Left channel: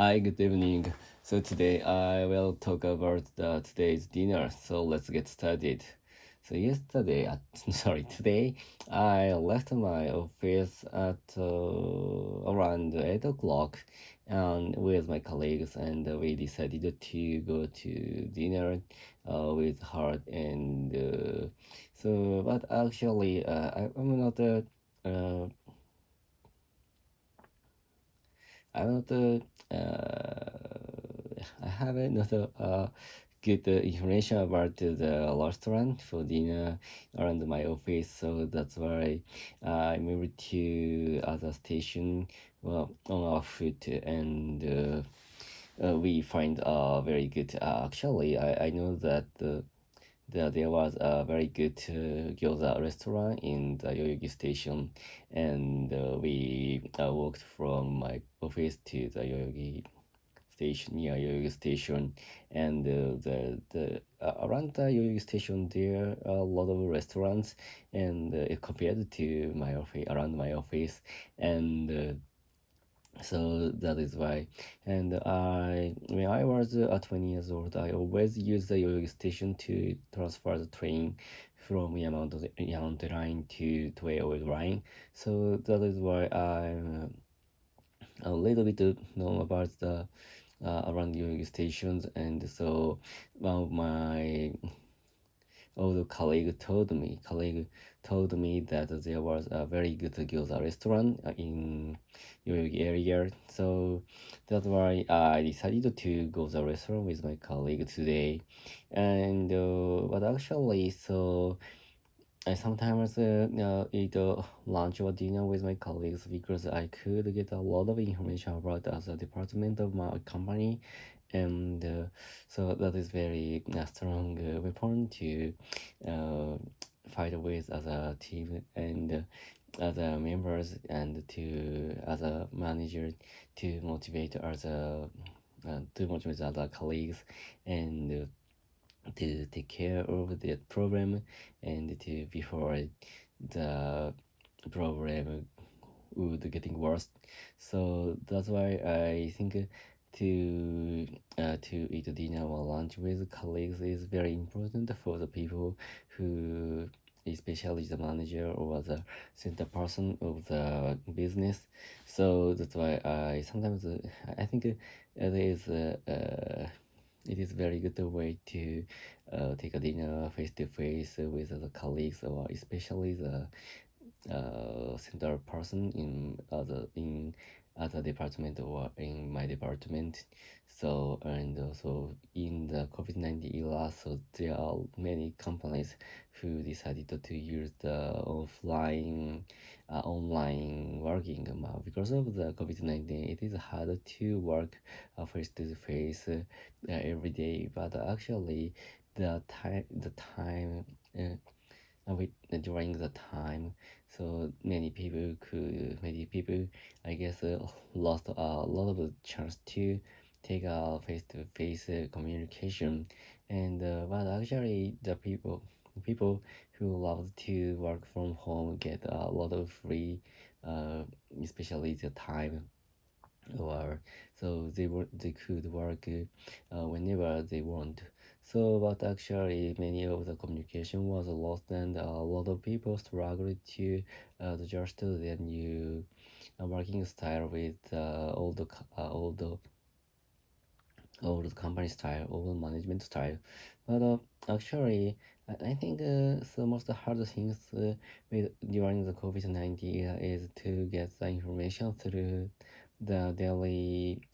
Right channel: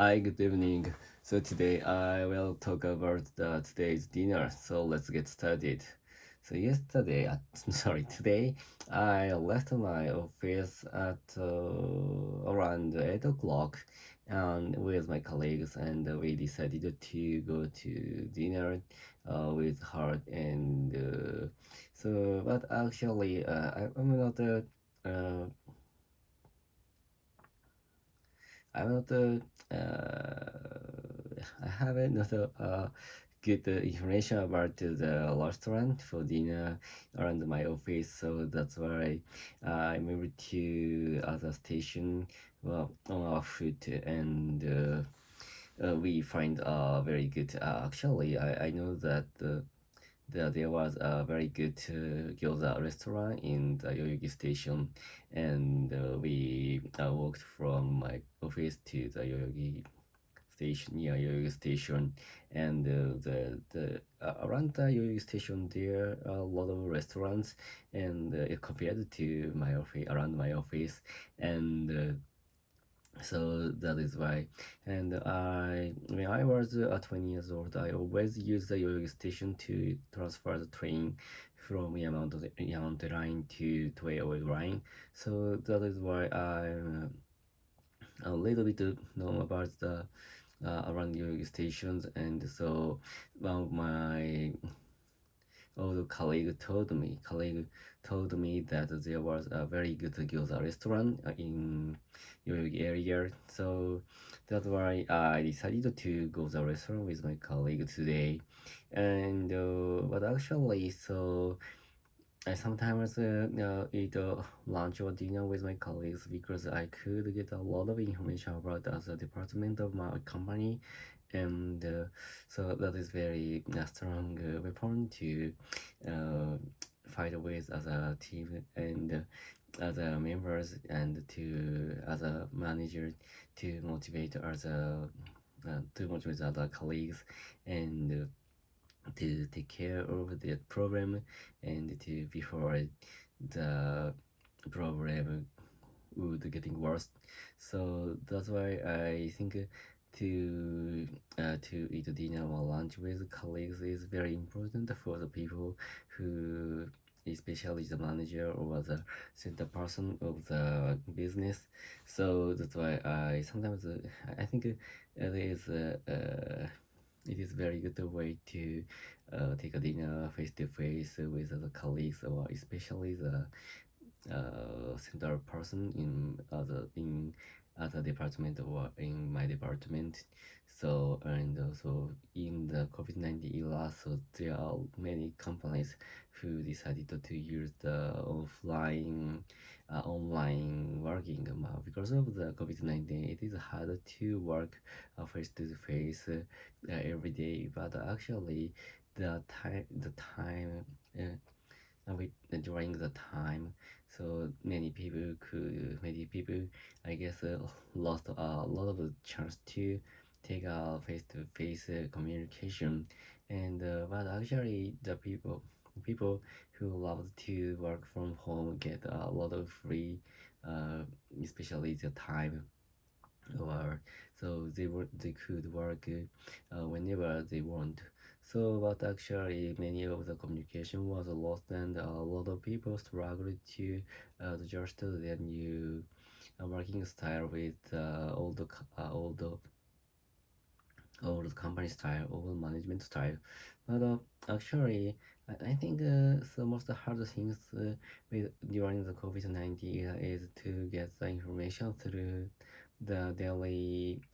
Hi, good evening. So today I will talk about today's dinner. So let's get started. So yesterday, sorry, today I left my office at around 8 o'clock, and with my colleagues, and we decided to go to dinner with her. And but actually, uh, I'm not I haven't not good information about the restaurant for dinner around my office, so that's why I moved to other station, well, on our foot, and we find very good. Actually, I know that there was a very good gyoza restaurant in the Yoyogi station, and we walked from my office to the Yoyogi station, near Yoyogi station, and the around the Yoyogi station there are a lot of restaurants, and compared to my office, around my office, and so that is why. And when I was 20 years old, I always used the Yoyogi station to transfer the train from Yamanote line to Toei line. So that is why I'm a little bit know about the around Yoyogi stations. And so my although colleague told me that there was a very good gyoza restaurant in Yoyogi area. So that's why I decided to go the restaurant with my colleague today. And but actually, so I sometimes eat lunch or dinner with my colleagues because I could get a lot of information about the department of my company, and so that is very strong weapon to uh, fight with other team and other members, and to other managers to motivate other colleagues, and to take care of the problem, and to before the problem would getting worse. So that's why I think to eat dinner or lunch with colleagues is very important for the people who, especially the manager or the center person of the business. So that's why I sometimes I think it is very good way to take a dinner face to face with other colleagues, or especially the center person in other department or in my department. So, and also in the COVID-19 era, so there are many companies who decided to use the online working, because of the COVID-19. It is hard to work face to face every day, but actually the time during the time, so many people, I guess, lost a lot of the chance to take a face-to-face communication. And but actually the people who love to work from home get a lot of free, uh, especially the time, or so they could work whenever they want. So, but actually, many of the communication was lost, and a lot of people struggled to adjust to their new working style with old company style, old management style. But actually, I think the most hard things during the COVID-19 is to get the information through the daily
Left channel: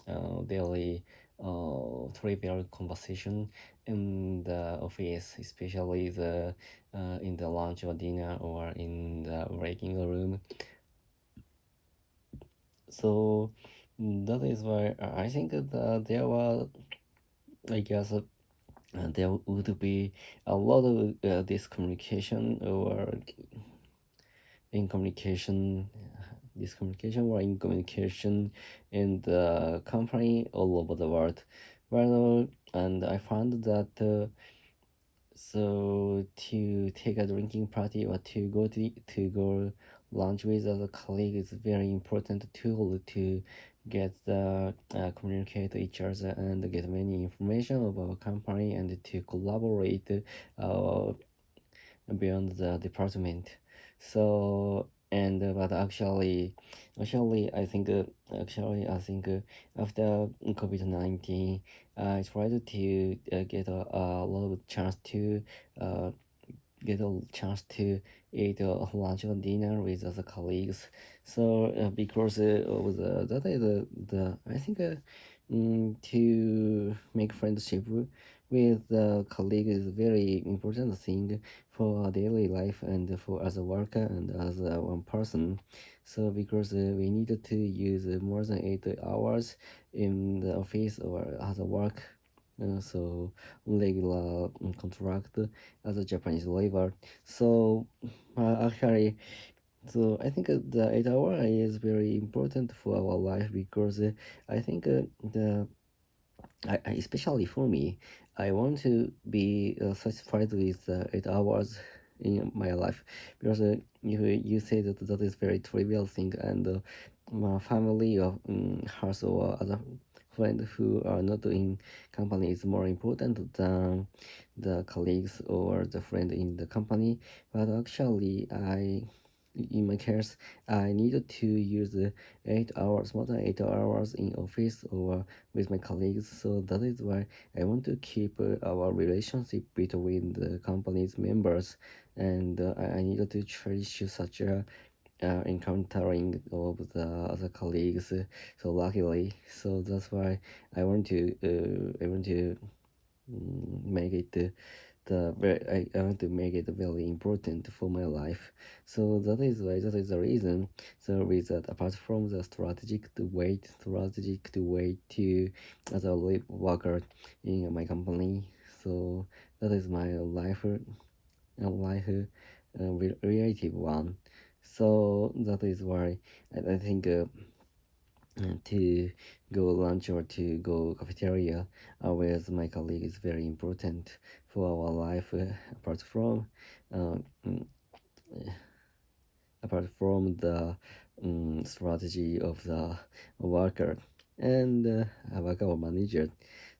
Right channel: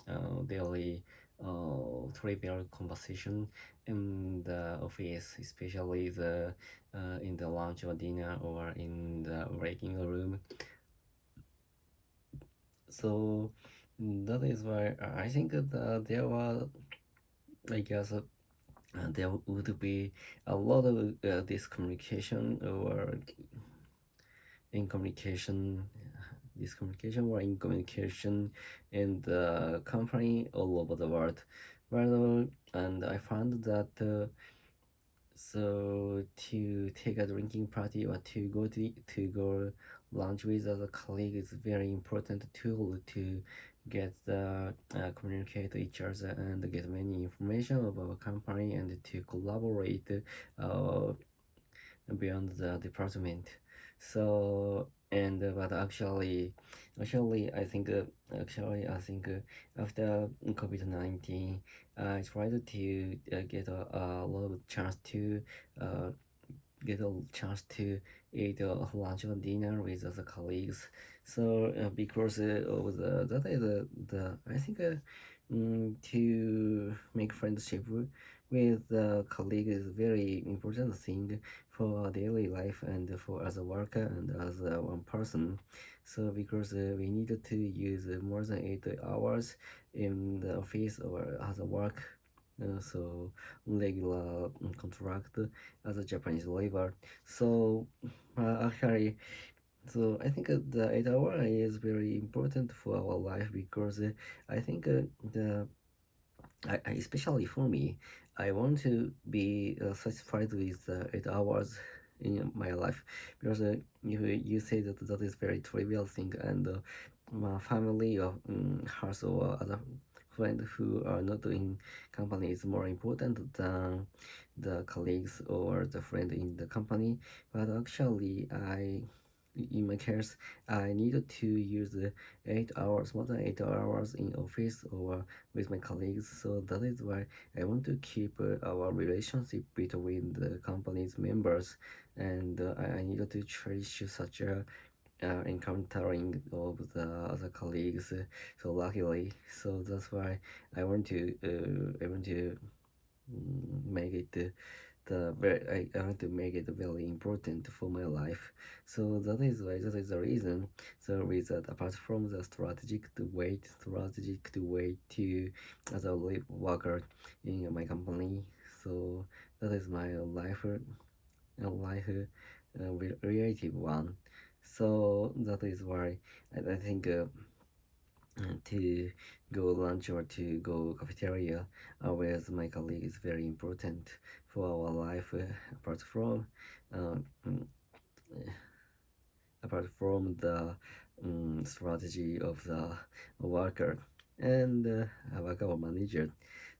trivial conversation in the office, especially the in the lunch or dinner or in the breaking room. So that is why I think that there was, I guess, there would be a lot of discommunication or incommunication, discommunication or incommunication in the company all over the world. Well, and I found that so to take a drinking party or to go lunch with other colleague is very important tool to get the communicate each other and get many information about our company and to collaborate uh, beyond the department. So and but actually I think after COVID-19, I tried to get a lot of chance to uh, get a chance to eat lunch or dinner with other colleagues. So because of that is the I think to make friendship with the colleague is very important thing for our daily life and for as a worker and as one person. So because we needed to use more than 8 hours in the office or as a work, so regular contract as a Japanese labor. So actually, so I think the 8 hour is very important for our life because I think the especially for me, I want to be satisfied with 8 hours in my life because you say that that is very trivial thing and my family or house or other friends who are not in company is more important than the colleagues or the friend in the company. But actually, in my case, I needed to use 8 hours, more than 8 hours in office or with my colleagues. So that is why I want to keep our relationship between the company's members, and I needed to cherish such a encountering of the other colleagues. So luckily, so that's why I want to make it I want to make it very important for my life. So that is the reason. So with that, apart from the strategic to wait to as a worker in my company. So that is my life relative one. So that is why I think to go lunch or to go cafeteria with my colleague is very important for our life uh, mm, apart from the strategy of the worker and worker or manager.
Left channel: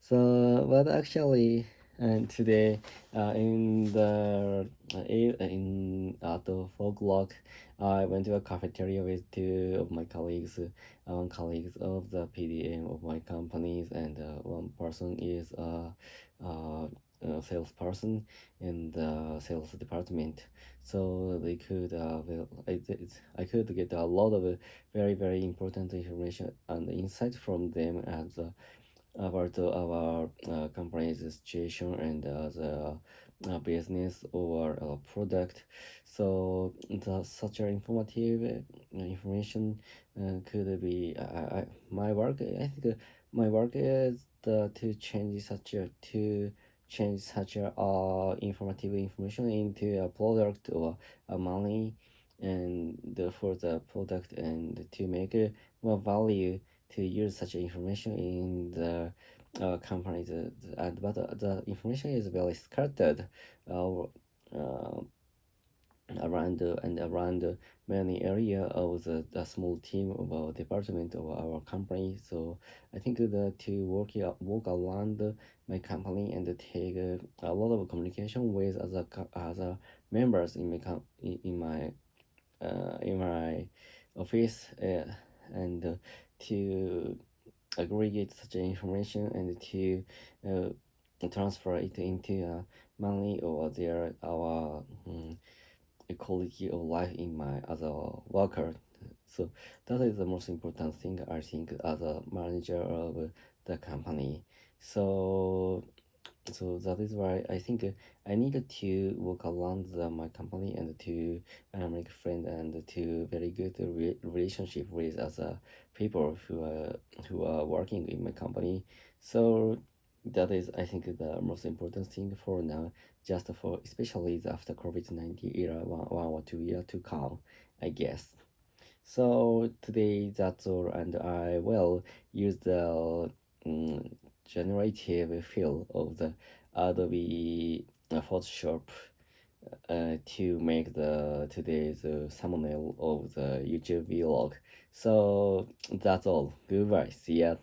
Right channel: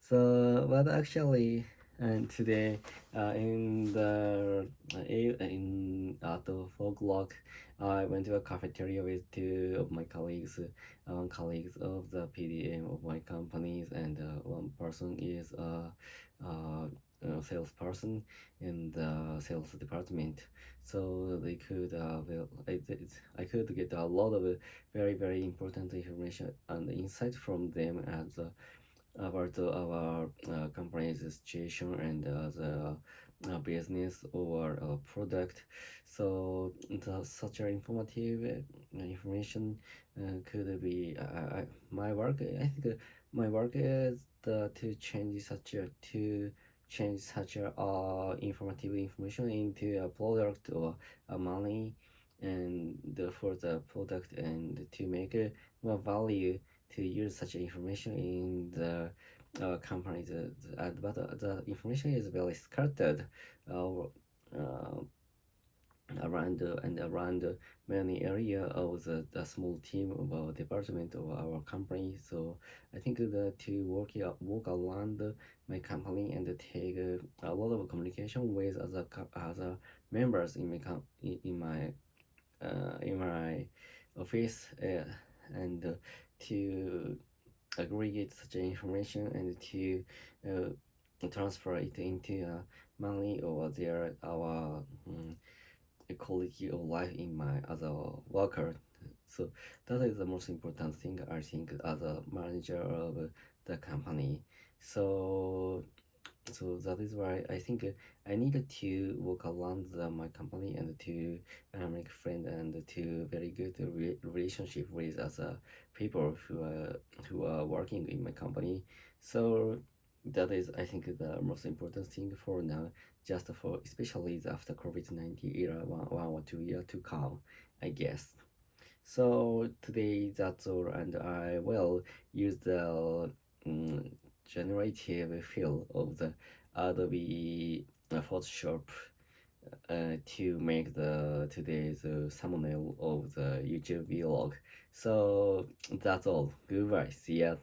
So, but actually, and today in the in at the 4 o'clock, I went to a cafeteria with two of my colleagues, one colleagues of the PDM of my companies, and one person is a salesperson in the sales department. So they could I could get a lot of very important information and insight from them as about our company's situation and the business or product. So such an informative information could be my work. I think my work is to change such a informative information into a product or a money and for the product and to make more value to use such information in the company. But the information is very scattered uh, uh, around many area of the small team of our department of our company. So I think that to work around my company and take a lot of communication with other members in in my office and to aggregate such information and to transfer it into money or their our quality of life in my other worker. So that is the most important thing I think as a manager of the company. So so that is why I think I needed to work around my company and to make friend and to very good relationship with other people who are working in my company. So that is I think the most important thing for now, just for especially the after COVID-19 era, one or 2 years to come, I guess. So today that's all, and I will use the um, generative field of the Adobe Photoshop to make the today's thumbnail of the YouTube vlog. So that's all. Goodbye. See ya.